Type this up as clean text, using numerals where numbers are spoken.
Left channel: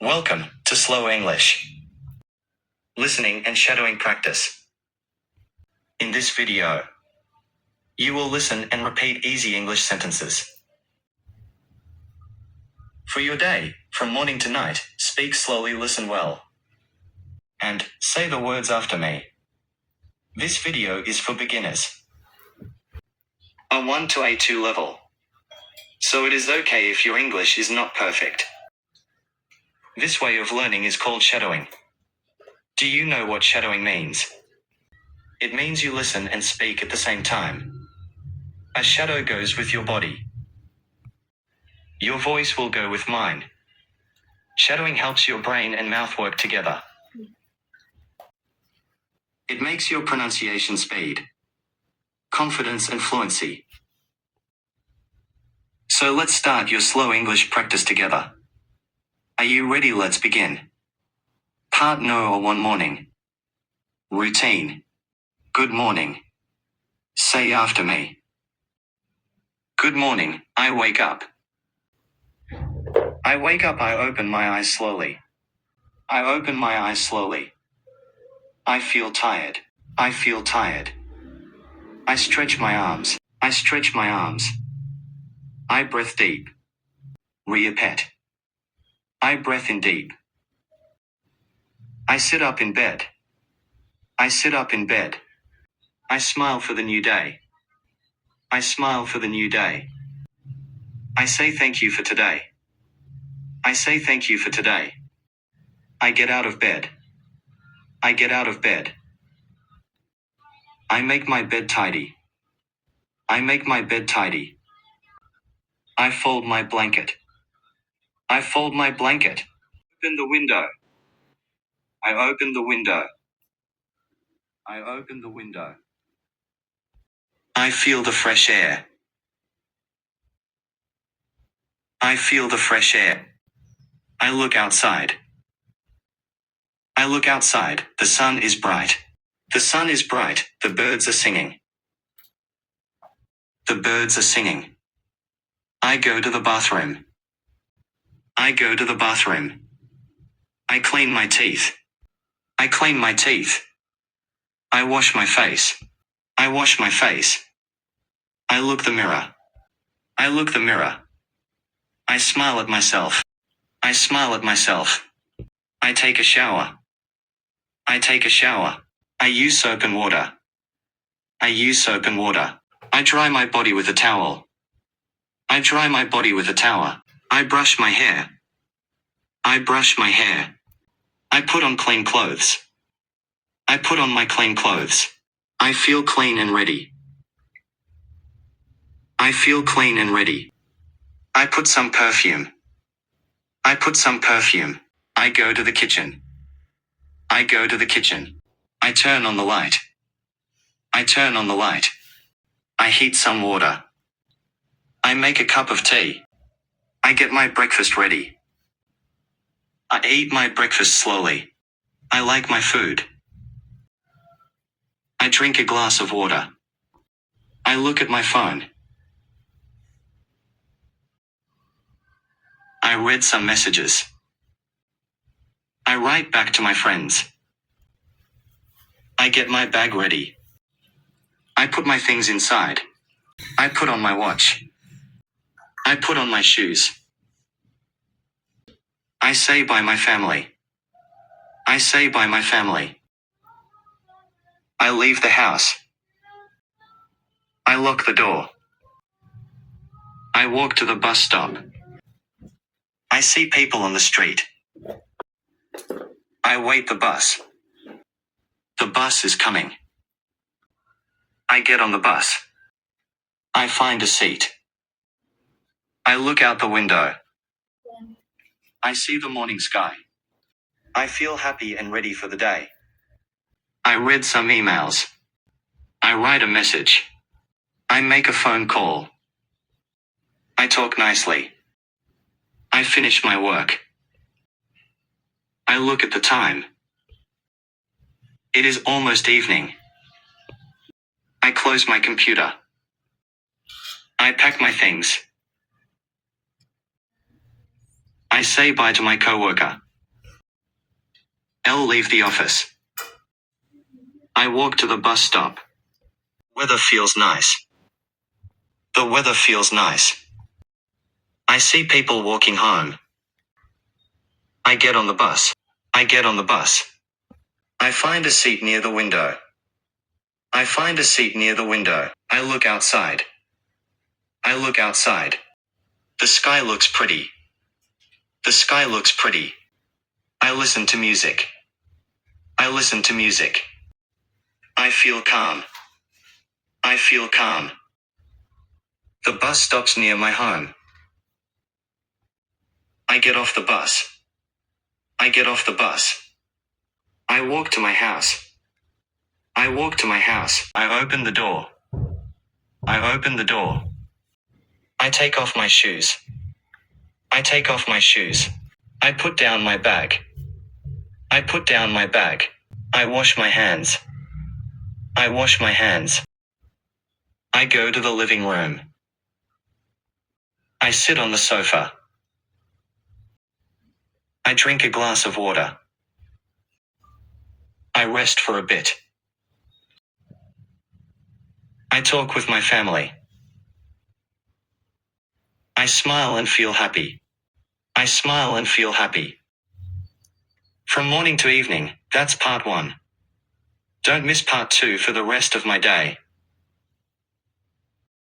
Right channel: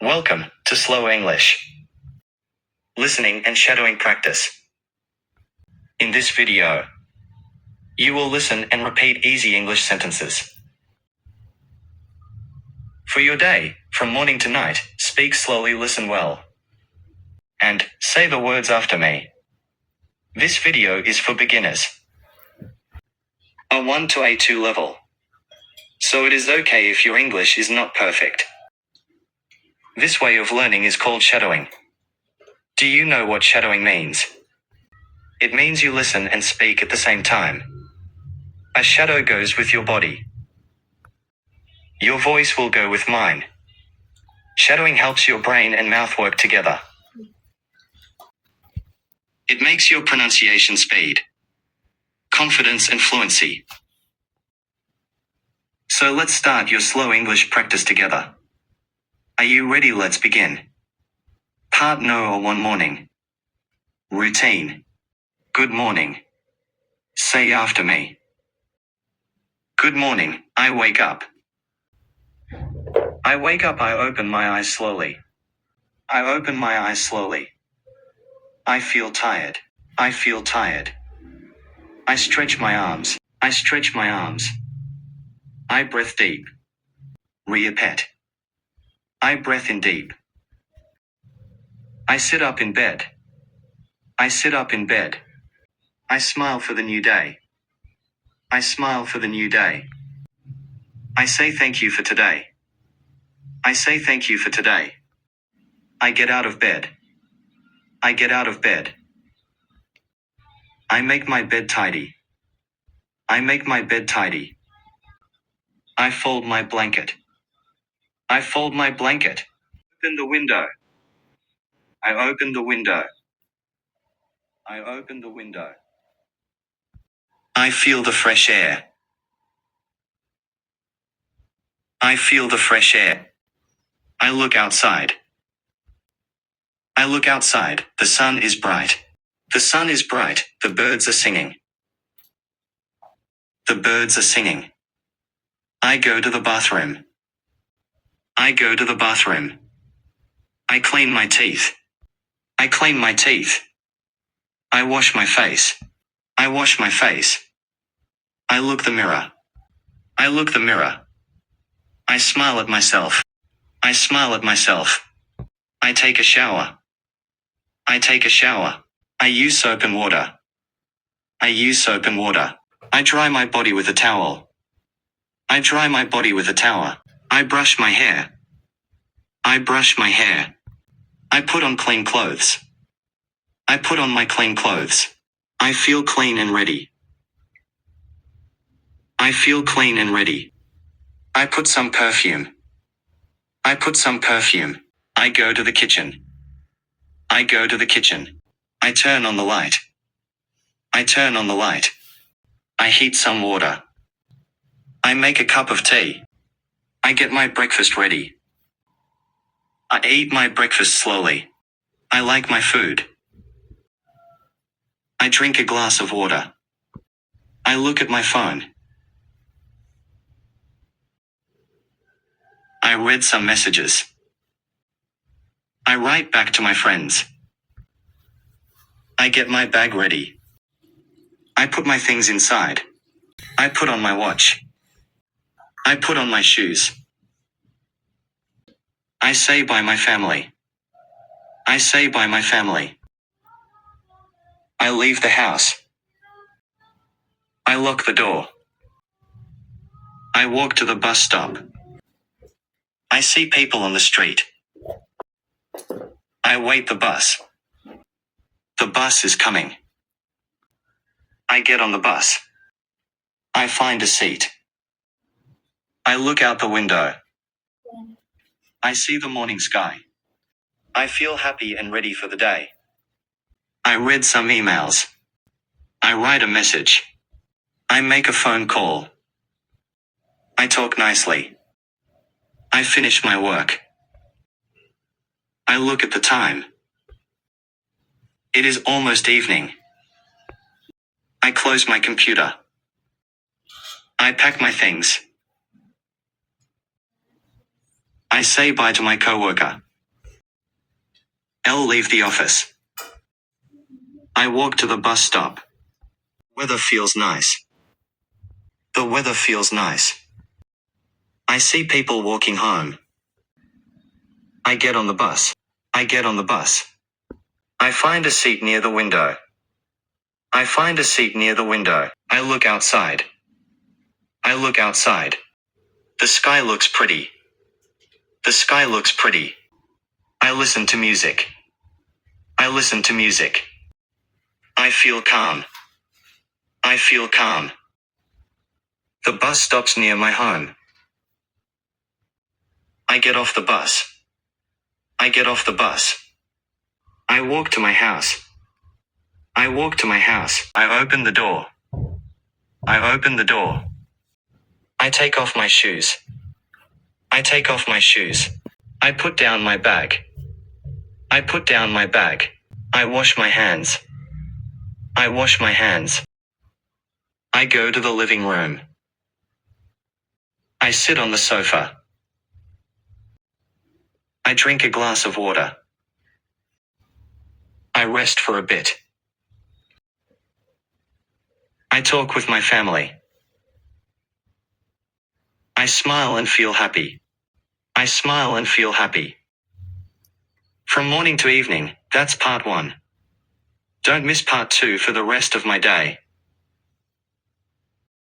Welcome to Slow English. Listening and shadowing practice. In this video, you will listen and repeat easy English sentences. For your day, from morning to night, speak slowly, listen well, and say the words after me. This video is for beginners. A1 to A2 level. So it is okay if your English is not perfect. This way of learning is called shadowing. Do you know what shadowing means? It means you listen and speak at the same time. A shadow goes with your body. Your voice will go with mine. Shadowing helps your brain and mouth work together. It makes your pronunciation speed, confidence and fluency. So let's start your slow English practice together. Are you ready? Let's begin. Part no or one morning. Routine. Good morning. Say after me. Good morning, I wake up. I wake up, I open my eyes slowly. I open my eyes slowly. I feel tired. I feel tired. I stretch my arms. I stretch my arms. I breathe deep. Repeat. I breathe in deep. I sit up in bed. I sit up in bed. I smile for the new day. I smile for the new day. I say thank you for today. I say thank you for today. I get out of bed. I get out of bed. I make my bed tidy. I make my bed tidy. I fold my blanket. I fold my blanket. Open the window. I open the window. I open the window. I feel the fresh air. I feel the fresh air. I look outside. I look outside. The sun is bright. The sun is bright. The birds are singing. The birds are singing. I go to the bathroom. I go to the bathroom. I clean my teeth. I clean my teeth. I wash my face. I wash my face. I look the mirror. I look the mirror. I smile at myself. I smile at myself. I take a shower. I take a shower. I use soap and water. I use soap and water. I dry my body with a towel. I dry my body with a towel. I brush my hair. I brush my hair. I put on clean clothes. I put on my clean clothes. I feel clean and ready. I feel clean and ready. I put some perfume. I put some perfume. I go to the kitchen. I go to the kitchen. I turn on the light. I turn on the light. I heat some water. I make a cup of tea. I get my breakfast ready. I eat my breakfast slowly. I like my food. I drink a glass of water. I look at my phone. I read some messages. I write back to my friends. I get my bag ready. I put my things inside. I put on my watch. I put on my shoes. I say bye my family. I say bye my family. I leave the house. I lock the door. I walk to the bus stop. I see people on the street. I wait the bus. The bus is coming. I get on the bus. I find a seat. I look out the window. I see the morning sky. I feel happy and ready for the day. I read some emails. I write a message. I make a phone call. I talk nicely. I finish my work. I look at the time. It is almost evening. I close my computer. I pack my things. I say bye to my coworker. L leave the office. I walk to the bus stop. Weather feels nice. The weather feels nice. I see people walking home. I get on the bus. I get on the bus. I find a seat near the window. I find a seat near the window. I look outside. I look outside. The sky looks pretty. The sky looks pretty. I listen to music. I listen to music. I feel calm. I feel calm. The bus stops near my home. I get off the bus. I get off the bus. I walk to my house. I walk to my house. I open the door. I open the door. I take off my shoes. I take off my shoes. I put down my bag. I put down my bag. I wash my hands. I wash my hands. I go to the living room. I sit on the sofa. I drink a glass of water. I rest for a bit. I talk with my family. I smile and feel happy. I smile and feel happy. From morning to evening, that's part 1. Don't miss part 2 for the rest of my day.